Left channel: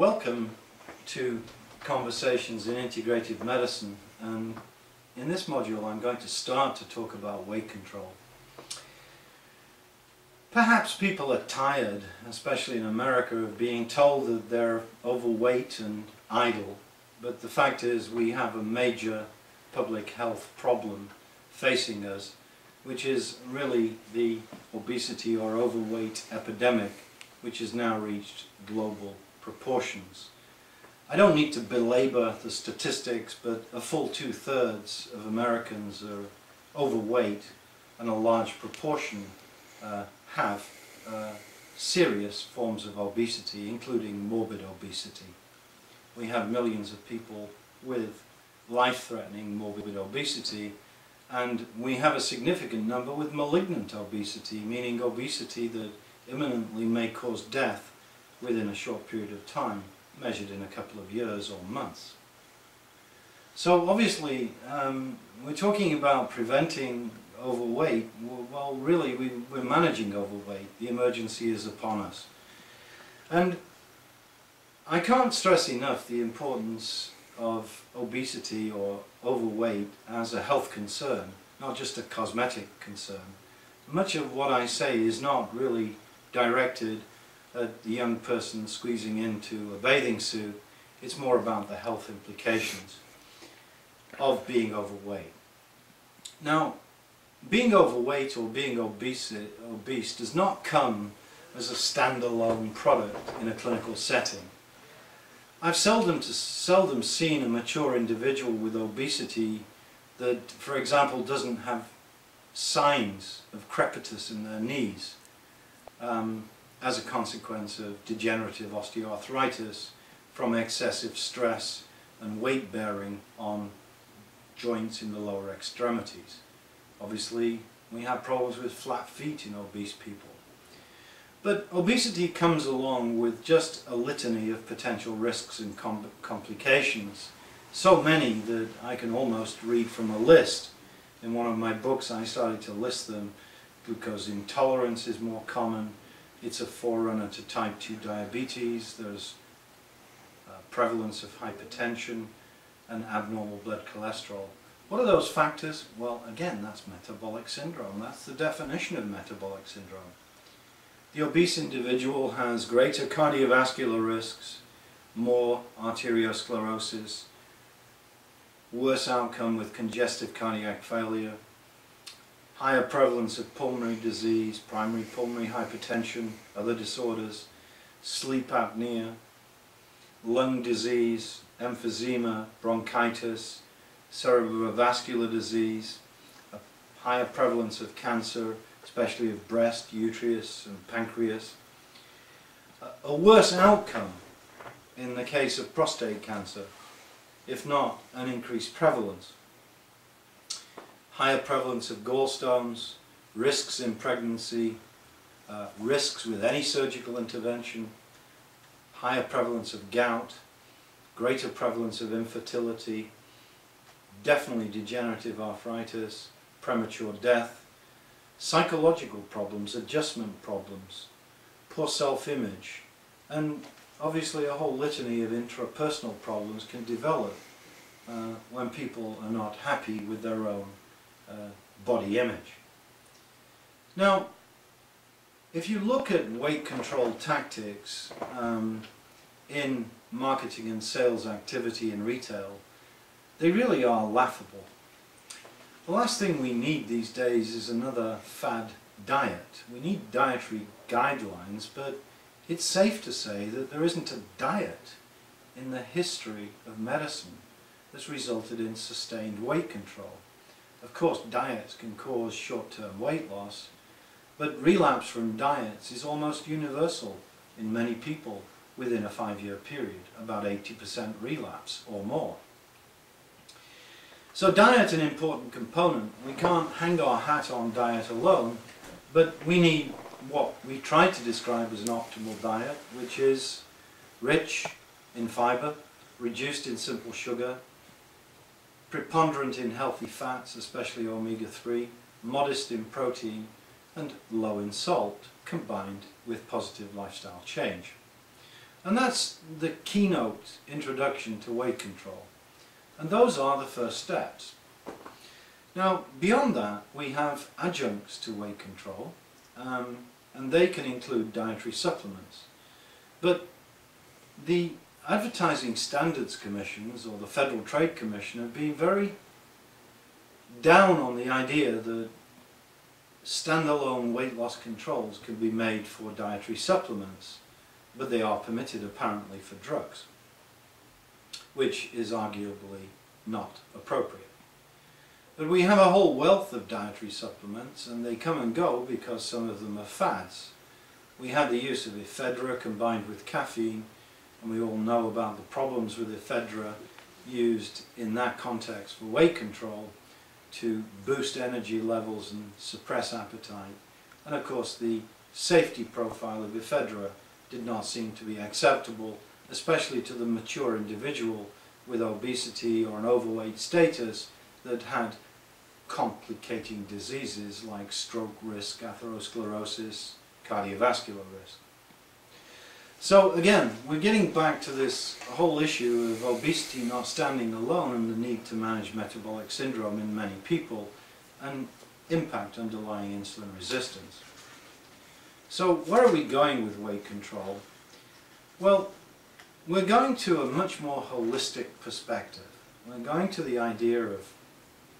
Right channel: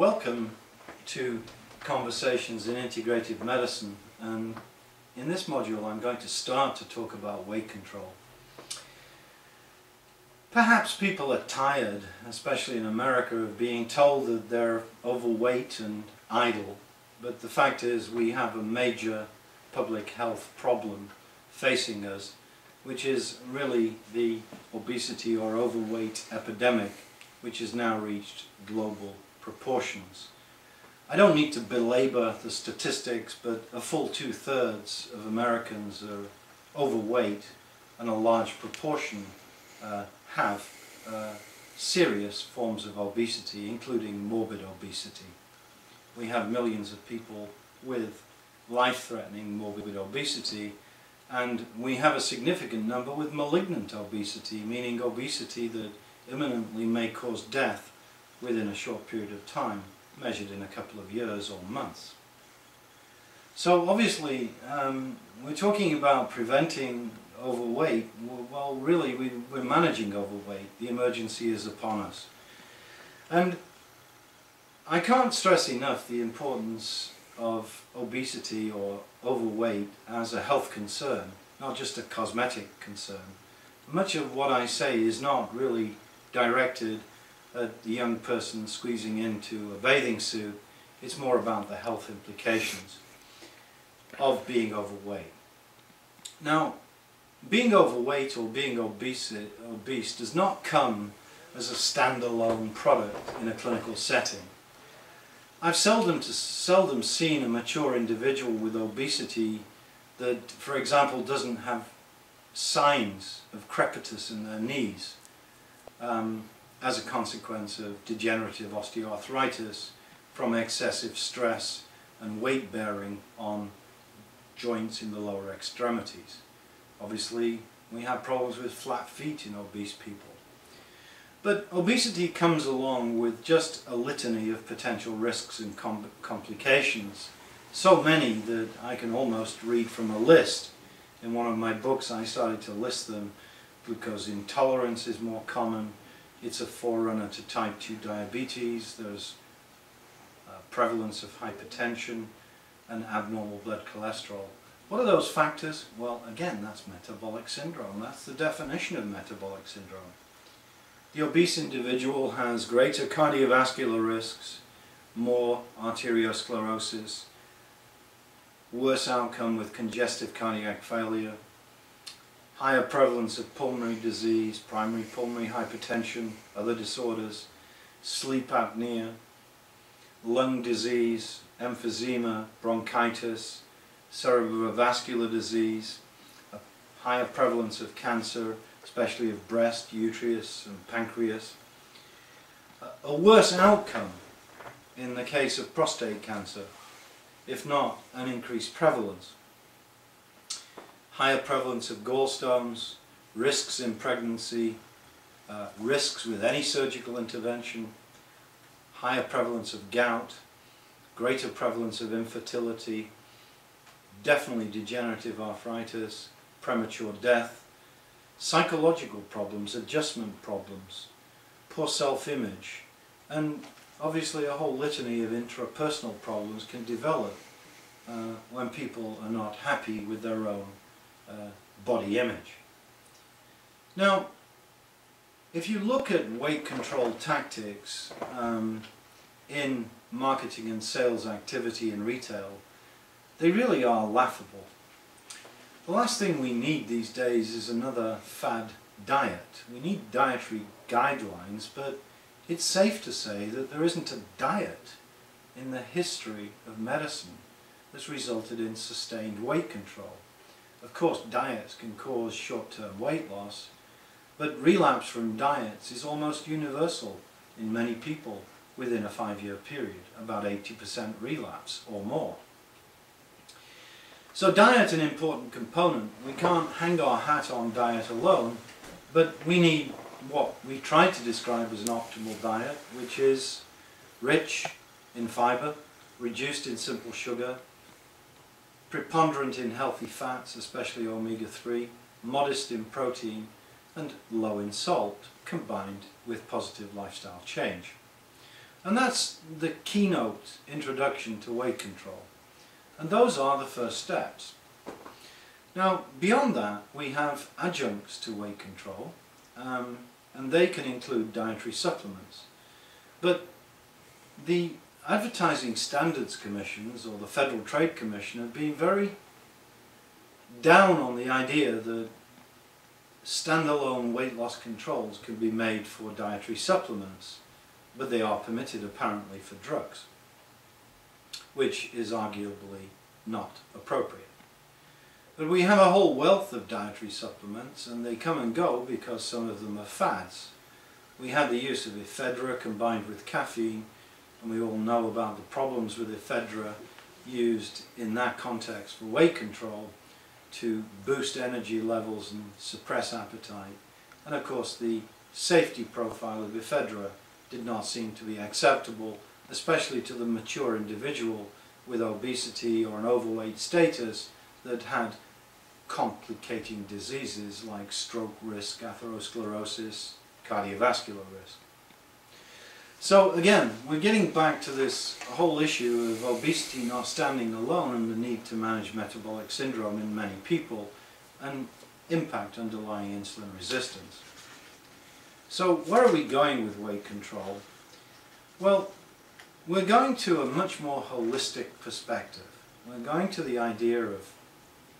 Welcome to Conversations in Integrative Medicine, and in this module I'm going to start to talk about weight control. Perhaps people are tired, especially in America, of being told that they're overweight and idle, but the fact is we have a major public health problem facing us, which is really the obesity or overweight epidemic, which has now reached global proportions. I don't need to belabor the statistics, but a full 2/3 of Americans are overweight, and a large proportion have serious forms of obesity, including morbid obesity. We have millions of people with life-threatening morbid obesity, and we have a significant number with malignant obesity, meaning obesity that imminently may cause death within a short period of time, measured in a couple of years or months. So obviously we're talking about preventing overweight. Well, really we're managing overweight. The emergency is upon us. And I can't stress enough the importance of obesity or overweight as a health concern, not just a cosmetic concern. Much of what I say is not really directed at the young person squeezing into a bathing suit. It's more about the health implications of being overweight. Now, being overweight or being obese does not come as a standalone product in a clinical setting. I've seldom seen a mature individual with obesity that, for example, doesn't have signs of crepitus in their knees as a consequence of degenerative osteoarthritis from excessive stress and weight bearing on joints in the lower extremities. Obviously, we have problems with flat feet in obese people. But obesity comes along with just a litany of potential risks and complications, so many that I can almost read from a list. In one of my books I started to list them. Glucose intolerance is more common. It's a forerunner to type 2 diabetes. There's prevalence of hypertension and abnormal blood cholesterol. What are those factors? Well, again, that's metabolic syndrome. That's the definition of metabolic syndrome. The obese individual has greater cardiovascular risks, more arteriosclerosis, worse outcome with congestive cardiac failure, higher prevalence of pulmonary disease, primary pulmonary hypertension, other disorders, sleep apnea, lung disease, emphysema, bronchitis, cerebrovascular disease, a higher prevalence of cancer, especially of breast, uterus and pancreas, a worse outcome in the case of prostate cancer, if not an increased prevalence. Higher prevalence of gallstones, risks in pregnancy, risks with any surgical intervention, higher prevalence of gout, greater prevalence of infertility, definitely degenerative arthritis, premature death, psychological problems, adjustment problems, poor self-image, and obviously a whole litany of intrapersonal problems can develop when people are not happy with their own body image. Now, if you look at weight control tactics in marketing and sales activity in retail, they really are laughable. The last thing we need these days is another fad diet. We need dietary guidelines, but it's safe to say that there isn't a diet in the history of medicine that's resulted in sustained weight control. Of course, diets can cause short-term weight loss, but relapse from diets is almost universal in many people within a 5-year period, about 80% relapse or more. So diet's an important component. We can't hang our hat on diet alone, but we need what we try to describe as an optimal diet, which is rich in fiber, reduced in simple sugar, preponderant in healthy fats, especially omega-3, modest in protein, and low in salt, combined with positive lifestyle change. And that's the keynote introduction to weight control. And those are the first steps. Now, beyond that, we have adjuncts to weight control, and they can include dietary supplements. But the Advertising Standards Commissions, or the Federal Trade Commission, have been very down on the idea that standalone weight loss controls can be made for dietary supplements, but they are permitted apparently for drugs, which is arguably not appropriate. But we have a whole wealth of dietary supplements, and they come and go because some of them are fads. We had the use of ephedra combined with caffeine, and we all know about the problems with ephedra used in that context for weight control to boost energy levels and suppress appetite. And of course the safety profile of ephedra did not seem to be acceptable, especially to the mature individual with obesity or an overweight status that had complicating diseases like stroke risk, atherosclerosis, cardiovascular risk. So again, we're getting back to this whole issue of obesity not standing alone and the need to manage metabolic syndrome in many people and impact underlying insulin resistance. So where are we going with weight control? Well, we're going to a much more holistic perspective. We're going to the idea of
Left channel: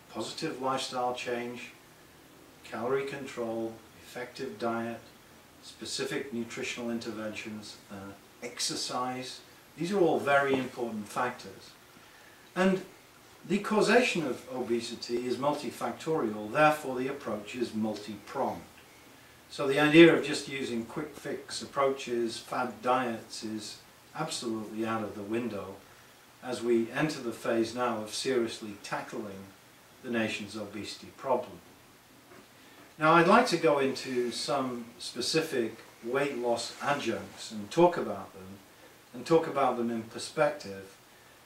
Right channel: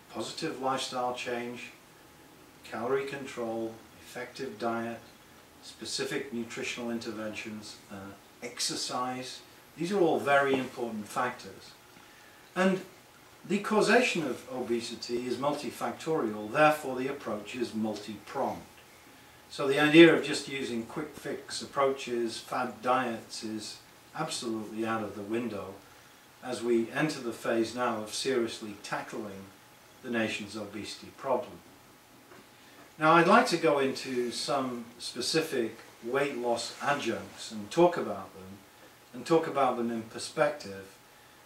positive lifestyle change, calorie control, effective diet, specific nutritional interventions, exercise. These are all very important factors. And the causation of obesity is multifactorial, therefore the approach is multi-pronged. So the idea of just using quick fix approaches, fad diets, is absolutely out of the window as we enter the phase now of seriously tackling the nation's obesity problem. Now I'd like to go into some specific weight loss adjuncts and talk about them in perspective,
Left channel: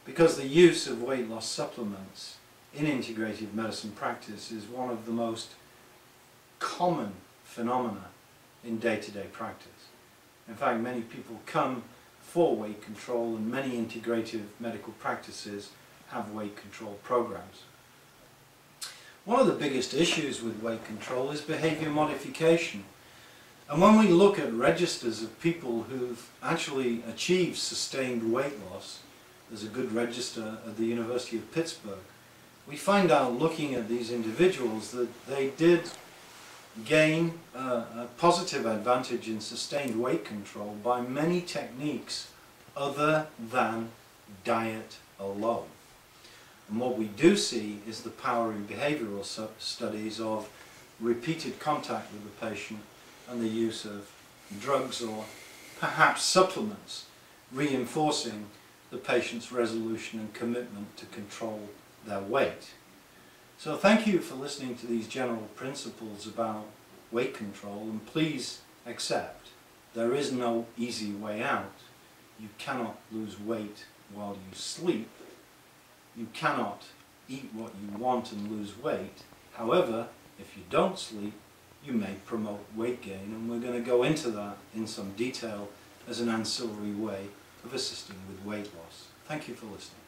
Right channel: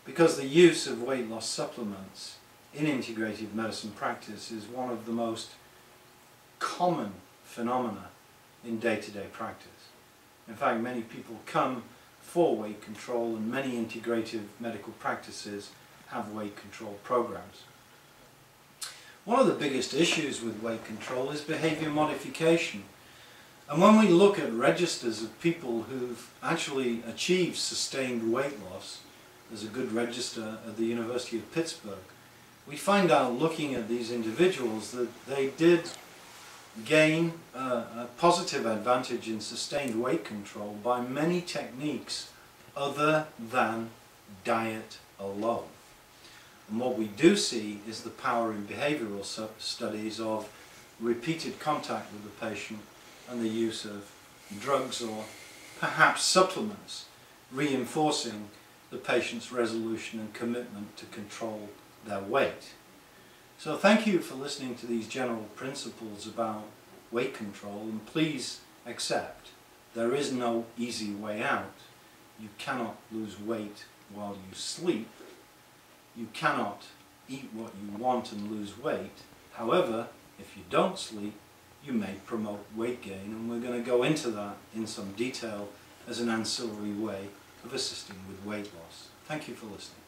because the use of weight loss supplements in integrative medicine practice is one of the most common phenomena in day-to-day practice. In fact, many people come for weight control, and many integrative medical practices have weight control programs. One of the biggest issues with weight control is behavior modification. And when we look at registers of people who've actually achieved sustained weight loss, there's a good register at the University of Pittsburgh, we find out looking at these individuals that they did gain a positive advantage in sustained weight control by many techniques other than diet alone. And what we do see is the power in behavioral studies of repeated contact with the patient and the use of drugs or perhaps supplements, reinforcing the patient's resolution and commitment to control their weight. So thank you for listening to these general principles about weight control, and please accept there is no easy way out. You cannot lose weight while you sleep. You cannot eat what you want and lose weight. However, if you don't sleep, you may promote weight gain, and we're going to go into that in some detail as an ancillary way of assisting with weight loss. Thank you for listening.